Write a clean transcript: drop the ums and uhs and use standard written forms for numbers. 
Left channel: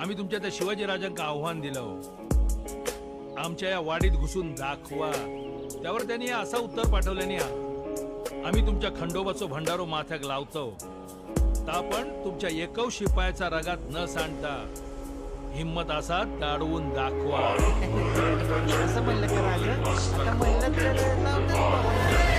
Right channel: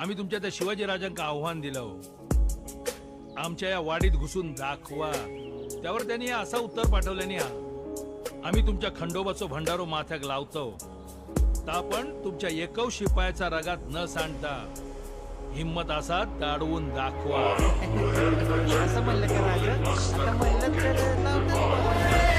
आम्ही तुमच्या त्या शिवाजी राजांका आव्हान दिलं, आमच्या या वाडीत घुसून दाखवा. त्यावर त्यांनी असं उत्तर पाठवल्याने आम्ही तुमच्या खंडोबाचो भंडारो माथ्याक लावतो, ता पण तुमच्या एकव शिपायाचा रगात न सांडता हिम्मत असा दाडवून दाखवा. असं म्हणलं का राजा? आता म्हणलं तर लावतात बाबा.